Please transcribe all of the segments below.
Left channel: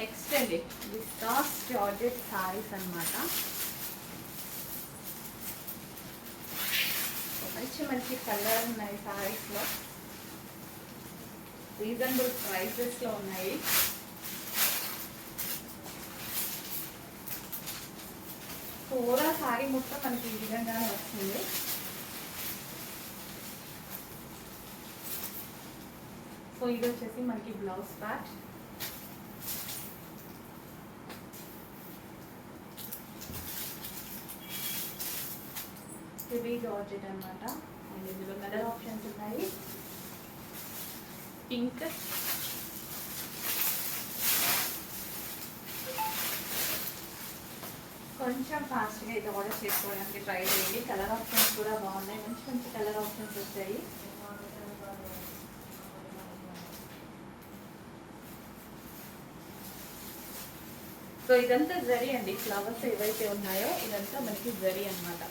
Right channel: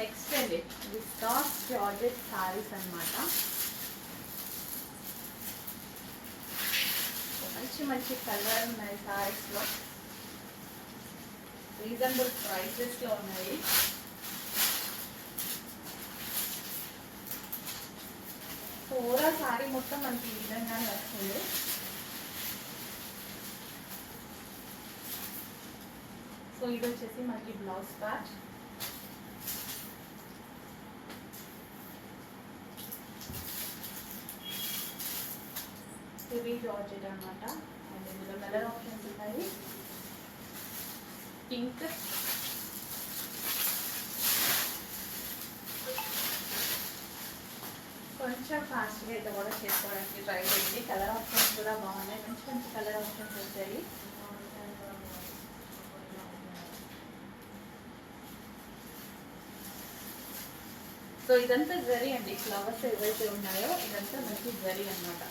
Next అండి viscous georgette saris అన్నమాట. మంచి మంచి కలర్ ఉన్నాయి సారీస్లో, రీజనబుల్ ప్రైసెస్లో ఉన్నాయి. ఓవరాల్ సారీ మొత్తం మనకి ఈ విధంగానే వస్తుంది. సో ఇది వచ్చేసి మనకి బ్లౌజ్ పార్ట్. హెవీ జార్జెట్ అనమాట. అండ్ ఇందులో కలర్ ఆప్షన్స్ ఉన్నాయి. పింక్, కొంచెం ఫాస్ట్గా అయితే ఆర్డర్ చేసుకోవడానికి ట్రై చేయండి. కలర్ ఆప్షన్స్ కూడా బాగున్నాయి, మంచి మంచి కలర్ ఆప్షన్స్ వచ్చాయి. సో ఇదంతా జరీ అండి, ఫ్లవర్స్ ఏవైతే ఉన్నాయో ఇదంతా మనకి జరీ అనమాట.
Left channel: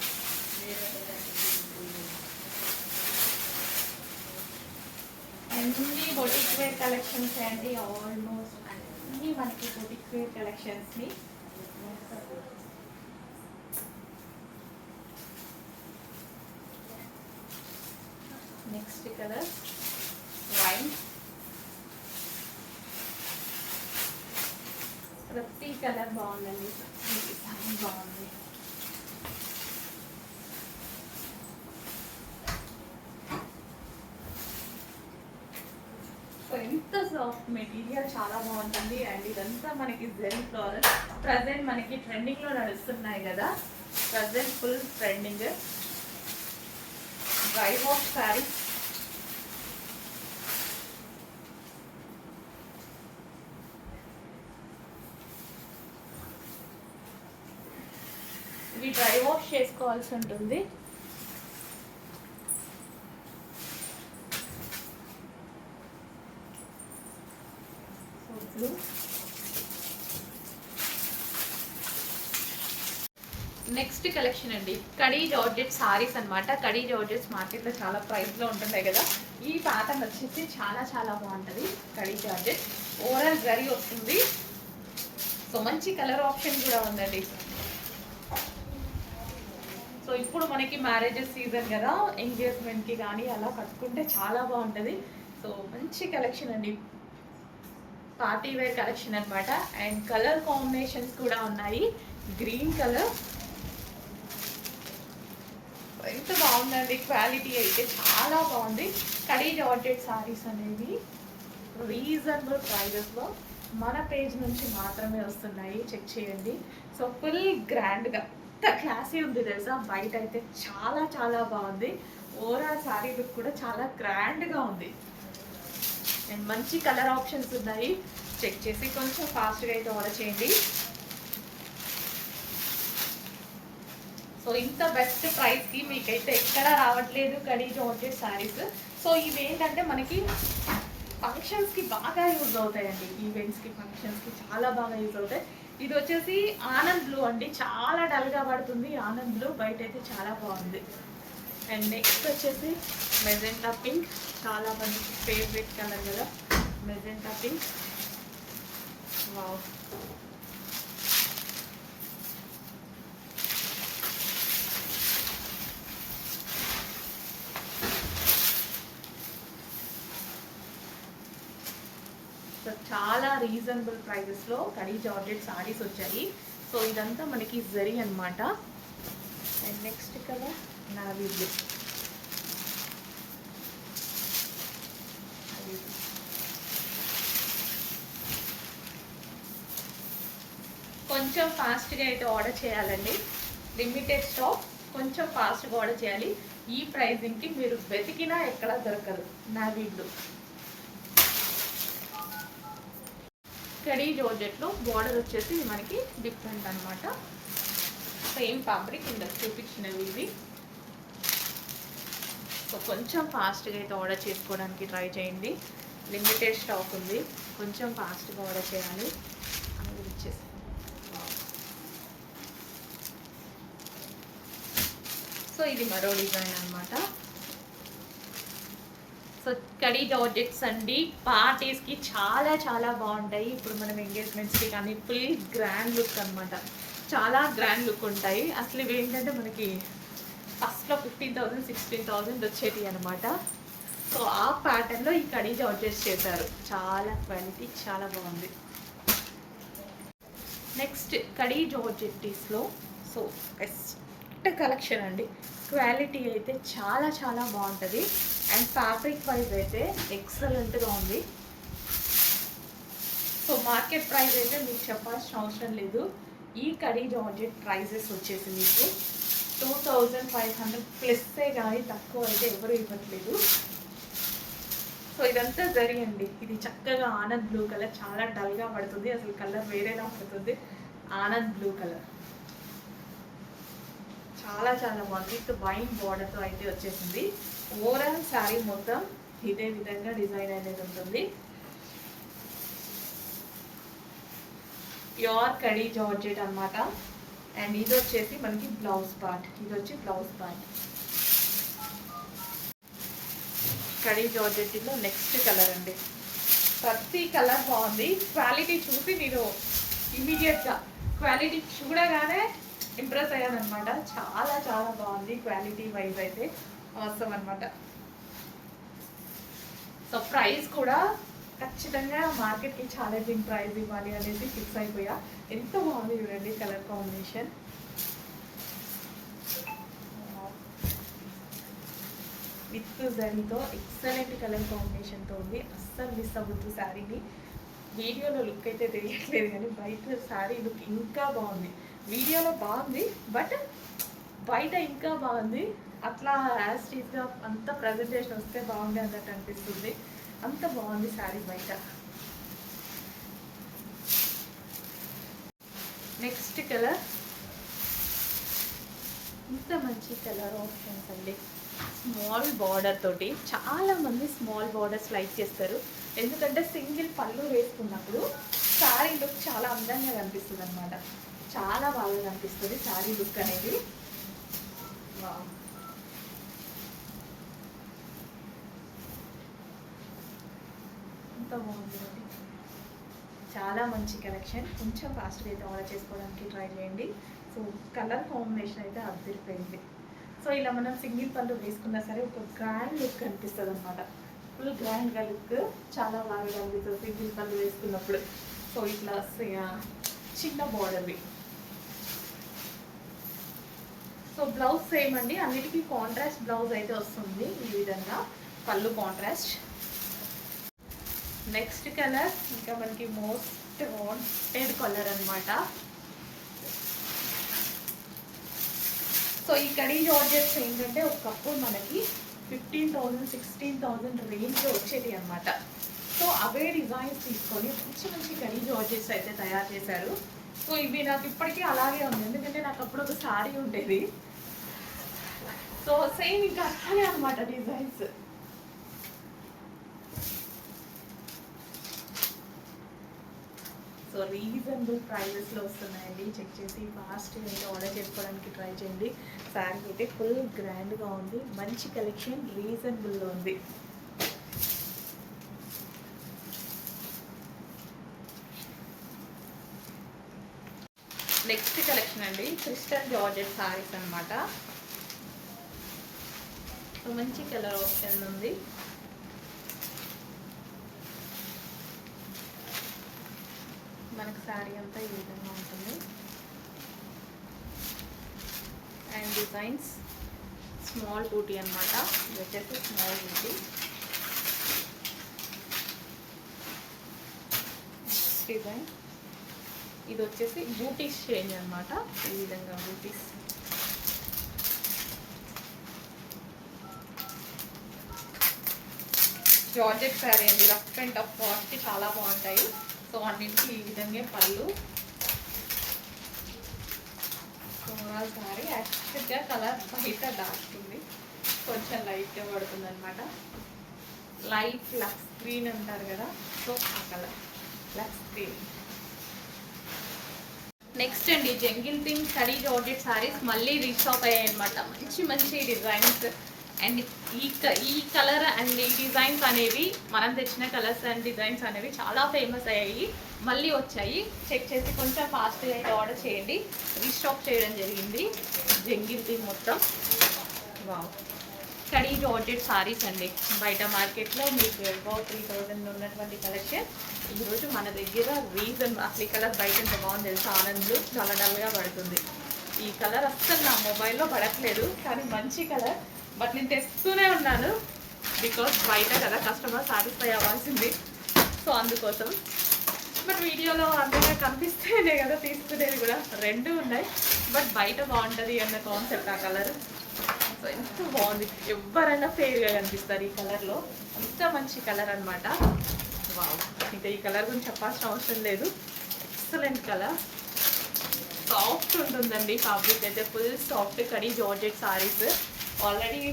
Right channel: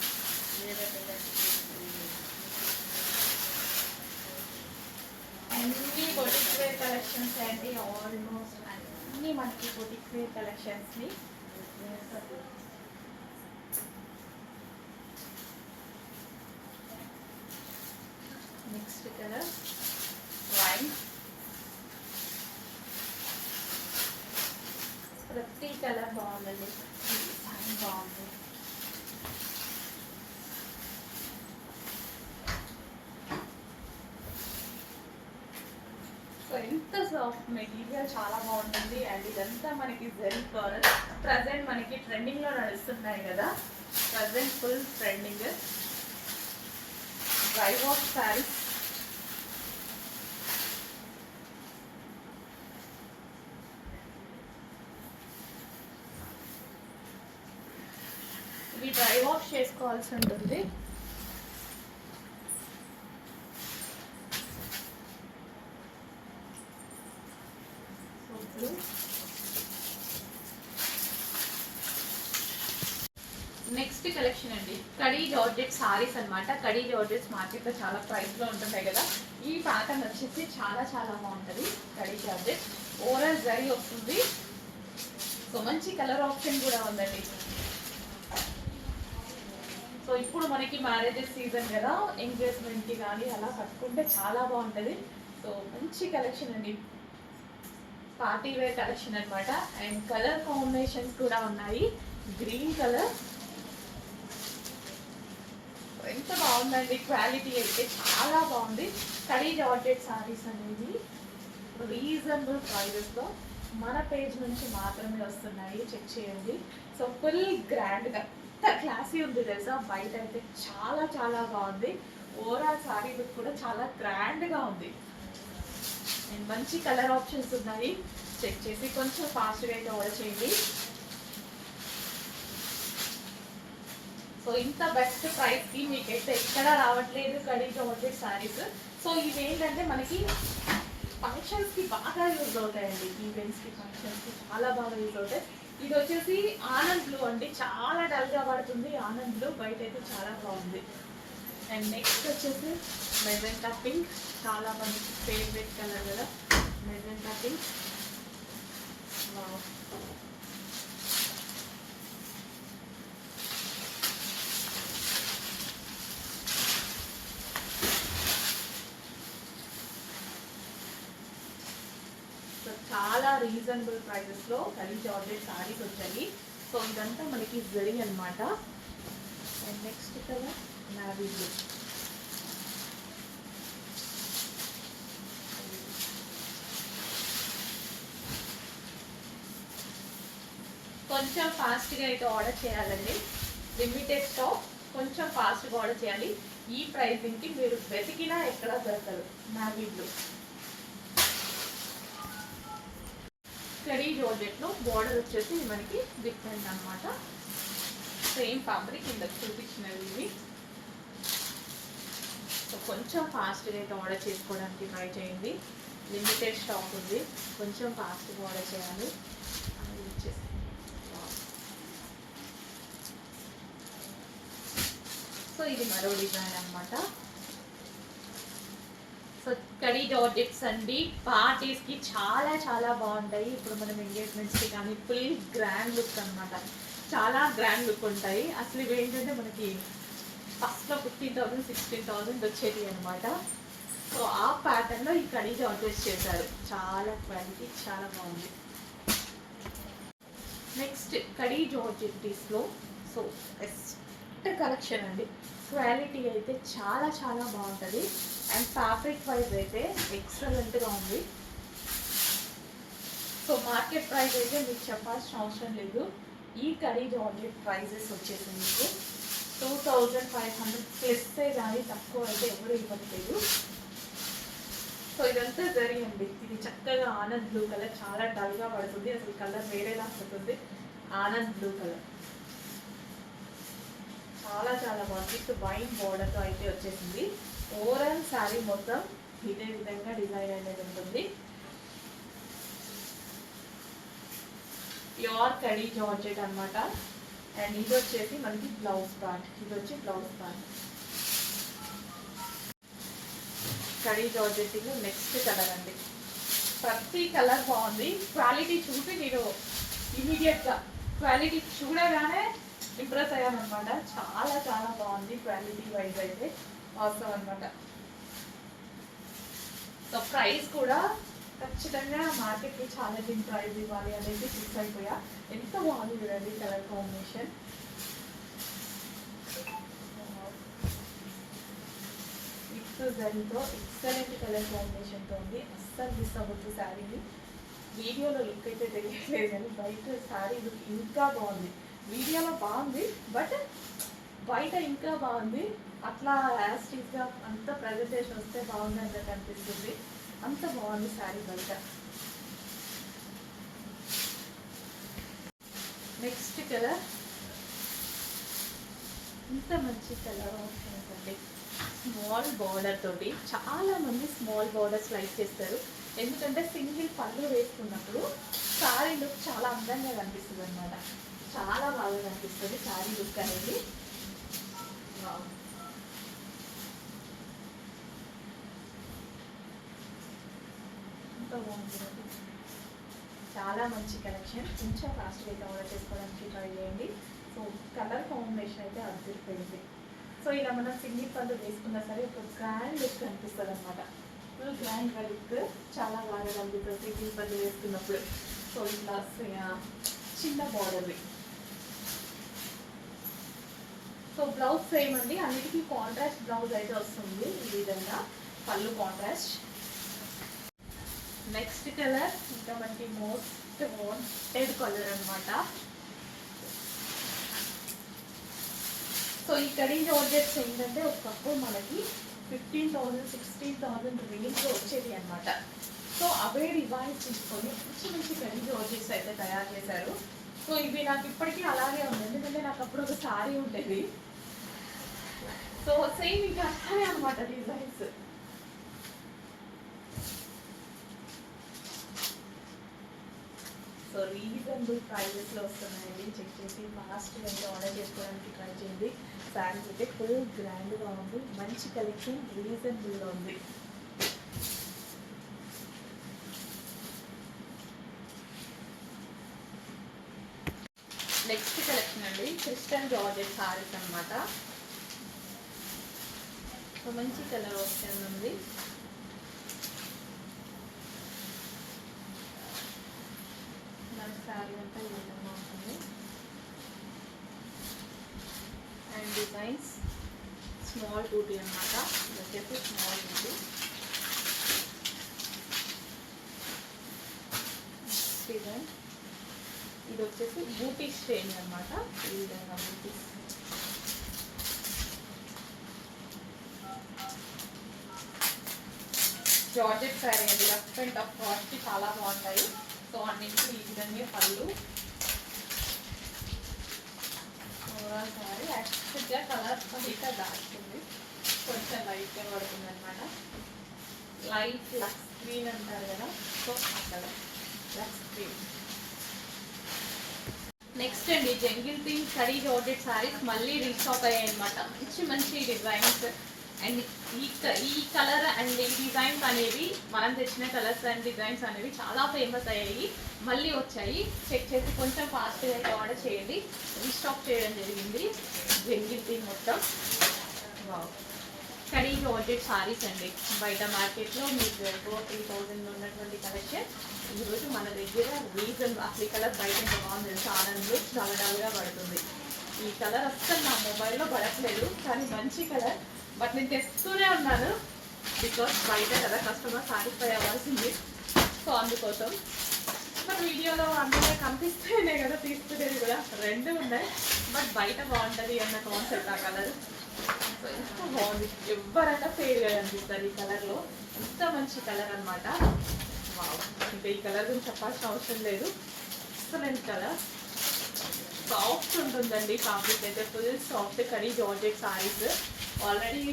అన్ని బొటిక్ వేర్ కలెక్షన్స్ అండి, ఆల్మోస్ట్ అన్ని మనకి బొటిక్ వేర్ కలెక్షన్స్ని. Next colour wine. ప్రతి కలర్ బాగుందండి, డిజైన్ బాగుంది. సో ఇంత సాఫ్ట్ మెటీరియల్ చాలా బాగుంటుంది. అండ్ ఇదంతా మనకి జెరీ ఫ్లోరల్, ప్రజెంట్ మనకి ట్రెండింగ్లో నడుస్తున్నాయి కదా, present full trending dry wash saris. ఇవి డ్రై వాష్ చేసుకోవాల్సి ఉంటుంది. నెక్స్ట్ కలెక్షన్ అండి కడీ జార్జెట్ సారీస్ అనమాట. కడీ జార్జెట్స్ మార్కెట్లో చాలా ప్రైస్లో ఉంటుంటాయి కదా, ఈ ప్యాటర్న్ వచ్చేసి చాలా చాలా బాగుంటుంది. కడీ జార్జెట్ ఓవరాల్ జరీ వస్తుంది. సో మంచి కలర్ ఆప్షన్ కూడా ఉందండి. సో ఇప్పుడు మనకి మ్యారేజెస్ సీజన్ కదా, ఎంగేజ్మెంట్కి కానీ అలా కట్టుకుంటే చాలా బాగుంటుంది. సో మంచి కలెక్షన్ అండి, పార్టీ వేర్ కలెక్షన్ అనమాట. అండ్ కలర్ కాంబినేషన్స్ కూడా ఉన్నాయి. గ్రీన్ కలర్ ఎంత బాగుందండి, క్వాలిటీ అయితే చాలా బాగుంది. కడీ జార్జెట్ సారీస్ అనేది రీజనబుల్ ప్రైజెస్లో మన పేజ్ నుంచి మాత్రమే వస్తున్నాయి, చెక్ చేయండి. సో ఫుల్ గ్రాండ్గా ఎంత క్లాసీ ఉంది తెలుసా, బయట అయితే చాలా చాలా బాగుంది. ఓవరాల్ సారీ లుక్ కూడా చాలా గ్రాండ్గా ఉంది. అండ్ మంచి కలర్ ఆప్షన్స్ ఉన్నాయి, చెక్ చేసి కొంచెం ఫాస్ట్గా అయితే ఆర్డర్ చేయండి. సో ఇంత బెస్ట్ ప్రైస్కి మీకైతే ఎక్కడ రావట్లేదు కడీ జార్జెట్ సారీస్. సో ఇవి ఏంటంటే మనకి ఫంక్షన్స్కి బాగా యూజ్ అవుతాయండి, ఈవెంట్స్కి ఫంక్షన్స్కి చాలా బాగా యూజ్ అవుతాయి. ఇది వచ్చేసి ఆనంద్ బ్లూ అండి, చాలా డల్గా పడుతుంది ఆనంద్ బ్లూ, బయట అయితే చాలా బాగుంది. అండ్ నెక్స్ట్ వచ్చేసి మెజెంటా పింక్, చాలా మంది ఫేవరెట్ కలర్ కూడా మెజెంటా పింక్. సో చాలా రీజనబుల్ ప్రైజెస్లో కడీ జార్జెట్ సారీస్ వచ్చాయి. సో ఇదంతా మనకి జరీ అనమాట. అండ్ నెక్స్ట్ కదా నావీ బ్లూ, కొంచెం ఫాస్ట్గా అయితే ఆర్డర్ చేయాలండి, లిమిటెడ్ స్టాక్, కొంచెం ఫాస్ట్గా ఆర్డర్ చేయాలి. ఈ ప్రైజింగ్కి మీరు వెతికినా ఎక్కడ దొరకదు. నావీ బ్లూ కడీ జార్జెట్లో బార్డర్ వచ్చేసి మనకి డిఫరెంట్ అనమాట. సేమ్ ఫ్యాబ్రిక్ ఇందులో చూపించినవి ఇవి. సో కొంచెం ఫాస్ట్గా అయితే ఆర్డర్ చేసుకోవడానికి ట్రై చేయండి, లిమిటెడ్ స్టాక్ ఉంది, కొంచెం ఫాస్ట్గా ఆర్డర్ చేయాలి. సో ఇది మరో డిజైన్ అనమాట. సో కడీ జార్జెట్స్ అండి, పార్టీస్కి చాలా చాలా బాగుంటాయి. ఇప్పుడు మనం ఎంగేజ్మెంట్స్కి కానీ ఫుల్ గ్రాండ్ లుక్ అనమాట, చాలా గ్రాండ్ లుక్ ఉంటాయి. అసలు ఇవి ఏంటంటే మనకి ఫస్ట్లో 15,000 16,000 వచ్చేది అనమాట. సో ఆ ప్యాటర్న్లో ఈ కడీ జార్జెట్స్ చేశారు. చాలా క్వాలిటీ చాలా బాగుంది. నెక్స్ట్ కడీ జార్జెట్టీస్లో సో బెస్ట్ కలెక్షన్ అండి. క్వాలిటీ అయితే చాలా చాలా బాగుంటుంది అండ్ ఫ్యాబ్రిక్ వైజ్ అయితే ఎక్సలెంట్గా ఉంది. సో మార్కెట్ ప్రైస్ అయితే మీకు చెప్పాల్సిన అవసరం లేదు. ఈ కడీ జార్జెట్ ప్రైజెస్ వచ్చేసి మీకు 2,500 ప్లస్సే కానీ తక్కువ అయితే ఎవరు ఇవ్వట్లేదు. సో ఇదంతా జరిగింది. ఇది చక్కగా ఆనంద్ బ్లూ కలర్, చాలా డల్గా పడుతుంది, అసలు కలర్ వేరేలా పడుతుంది. ఆనంద్ బ్లూ కలర్ చాలా చాలా బాగుంది. విత్ వైన్ బార్డర్తో అయితే వచ్చేసింది. ఓవరాల్ శారీ మొత్తం ఇదే విధంగా డిజైన్ అనేది ఉంటుంది. ప్యూర్ కడీ జార్జెట్ అన్నమాట. అండ్ ఇది వచ్చేసి మనకి బ్లౌజ్ పార్ట్, ఇది వచ్చి బ్లౌజ్ పార్ట్. కడీ జార్జెట్లో నెక్స్ట్ కలర్ అండి. ప్రతి కలర్ బాగుంది. క్వాలిటీ చూసి మీరు ఇమీడియట్గా క్వాలిటీ చూడగానే ఇంప్రెస్ అయ్యానమాట. చాలా చాలా బాగుంది క్వాలిటీ వైజ్ అయితే, అవసరం అనమాట. సో ప్రైస్ కూడా ఖచ్చితంగా మార్కెట్కి ఛాలెంజింగ్ ప్రైస్ ఇవ్వాలి అనేది ఫిక్స్ అయిపోయా. ఎంత బాగుంది చూడండి కలర్ కాంబినేషన్. విత్ జరీతో ఎక్సలెంట్ కలర్ కాంబినేషన్తో ఉంది. అస్సలు మిస్ అవ్వద్దు శారీని. వీడియోలో లుక్ అయితే తెలియట్లేదు కానీ బయట శారీ లుక్ ఇంకా బాగుంది. వీడియోలో బాగుంది బట్ బయట ఇంకా బాగుంది. అట్లా యాజ్ టీజ్గా అంత ప్రజెంటేషన్ వస్తే బాగుంది అన్నట్టు అనిపిస్తుంది. అంత బాగుంది శారీ బయట. నెక్స్ట్ కలర్, ఇంత మంచి కలర్ ఆప్షన్స్ అండి. స్మాల్ బార్డర్ తోటి, చాలా మంది స్మాల్ బార్డర్స్ లైక్ చేస్తారు. ఎందుకంటే సింగిల్ పళ్ళు వేసుకున్నప్పుడు శారీ లుక్ చాలా అందంగా కనిపిస్తుంది అనమాట. చాలా బాగా కనిపిస్తుంది శారీ లుక్ అనేది. ఎంత బాగుంటుంది, చాలా మంచి కలెక్షన్. కొంచెం ఫాస్ట్గా అయితే ఆర్డర్ చేసుకోవడానికి ట్రై చేయండి. సో కలర్ కాంబినేషన్ అయితే అదిరిపోయింది. సో ఇలా మనం సింగిల్ పళ్ళు వేసుకున్నా సరే ఒక గ్రాండ్ లుక్ కనిపిస్తుంది అనమాట. ఫుల్ గ్రాండ్గా లుక్ చాలా బాగా కనిపిస్తుంది సింగిల్ పళ్ళు వేసుకున్నప్పుడు. సో ఇట్లా చిన్న బార్డర్వి. సో బ్లౌజ్ సేమ్ అండి, అన్నిటికీ కాంట్రాస్ట్ బ్లౌజ్ అయితే వస్తుంది. ఈ విధంగా పళ్ళు కాంట్రాస్ట్. నెక్స్ట్ కలర్ ఇంకా మనకి మోస్ట్ వాంటెడ్ కలర్ అనమాట. సో ఈ కడీ జార్జెట్స్ ఏంటంటే ఒకప్పుడు మనకి 15,000 16,000 రేంజ్లో వచ్చేది అనమాట. సో అవే డిజైన్స్ తీసుకొని మంచి మంచి కడీ జార్జెట్స్ అయితే తయారు చేశారు. సో ఇవి నాకు ఇప్పటికీ అలాగే ఉంది, ఎందుకంటే నాకు అప్పుడు ఒక శారీ ఉండేది. సో సేమ్ ఇంకా అట్లానే అనమాట డిజైన్స్. సో రీజనబుల్ ప్రైజెస్లో వస్తున్నాయండి. చెక్ చేసి ఫాస్ట్గా అయితే ఆర్డర్ చేసుకోవడానికి ట్రై చేయండి. శారీ అయితే ఫుల్ గ్రాండ్గా ఉంది, మంచి కలెక్షన్, రీజనబుల్లో ఉంది. నెక్స్ట్ కలెక్షన్ అండి, క్రిస్టల్ జార్జెట్ శారీస్ అనమాట. మంచి కలర్ ఆప్షన్ ఉంది. మనకి శారీ అంతా ఈ విధంగా ఉంటుంది. అండ్ డిజైన్స్ స్మాల్ బూటీ అనమాట. ఇది వచ్చేసి స్మాల్ బూటీ. డిజైన్ ఇది వచ్చేసి బూటీస్ చేంజ్ అనమాట. ఈ విధంగా బూటీస్. జార్జెట్ శారీ అండి, రఫ్ అండ్ టఫ్ కాస్ట్కి చాలా బాగుంటాయి. సో అన్నింటికి ఈ విధంగా పళ్ళు. శారీ యాక్చువల్గా కలర్ బయట డార్క్ ఉంది, కొంచెం లైట్గా పడుతుంది అనమాట. లైట్ లక్స్ గ్రీన్ అంటారు కదా, సో ఆ కలర్ లక్స్ గ్రీన్. నెక్స్ట్ అండి jungle pink khadi georgette saris మళ్ళీ రీస్టాక్ అయ్యాయి అనమాట. మంచి మంచి డిజైన్స్, అండ్ ఈ కలర్ అండ్ ఈ డిజైన్స్ అనేవి మనం తెచ్చిన కలర్స్ అండ్ డిజైన్స్ అనేవి చాలా ఫేమస్ అయ్యాయి, మళ్ళీ వచ్చాయి. చెక్ చేసి కొంచెం ఫాస్ట్గా అయితే ఆర్డర్ చేయండి. రీస్టాక్ చేయడం జరిగింది జంగిల్ మొత్తం. వావ్, కడీ జార్జెట్ సారీస్ అండి. బయట మార్కెట్లో మీకు 3000 ఉన్నటువంటి కలెక్షన్ ఈరోజు మన దగ్గర రీజన్. అసలు ఈ కలర్ బయట ఎంత బాగుంది తెలుసు, ఆనంద్లో చాలా డల్గా పడుతుంది. ఈ కలర్ అస్సలు నా మొబైల్లో పడట్లేదు, కానీ మంచి కలర్. బట్ నేను తెస్తూనే ఉన్నాను బికాస్ బయట కదా కస్టమర్ సాటిస్ఫై అవ్వాల్సింది, సో అందుకోసం. బట్ వీడియోలో అందరిగా కనిపిస్తేనే కదా తీసుకునేది కూడా. రెండు ఉన్నాయి, బట్ బయట బాగుంటుంది అన్న కాన్సెప్ట్ ఆ కలర్. సో ఎంత బాగుంది, ఎవరైనా ఫెయిర్గా కనిపిస్తారు ఈ కలర్లో. ఎంత మంచి కలర్ అనమాట. ఇంకా ఈ కలర్ గురించి చెప్పాల్సిన అవసరం లేదు. ఎక్సలెంట్ కలర్, సాఫ్ట్ ఉంటుందండి ఫ్యాబ్రిక్ అయితే, full soft khadi georgette saris. Already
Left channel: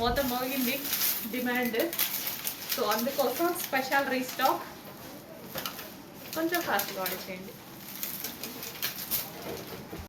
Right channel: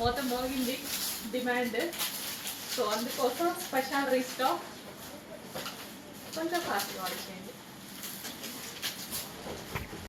మొత్తం మోగింది డిమాండ్, సో అందుకోసం స్పెషల్ రీస్టాక్. కొంచెం ఫాస్ట్గా ఆర్డర్ చేయండి.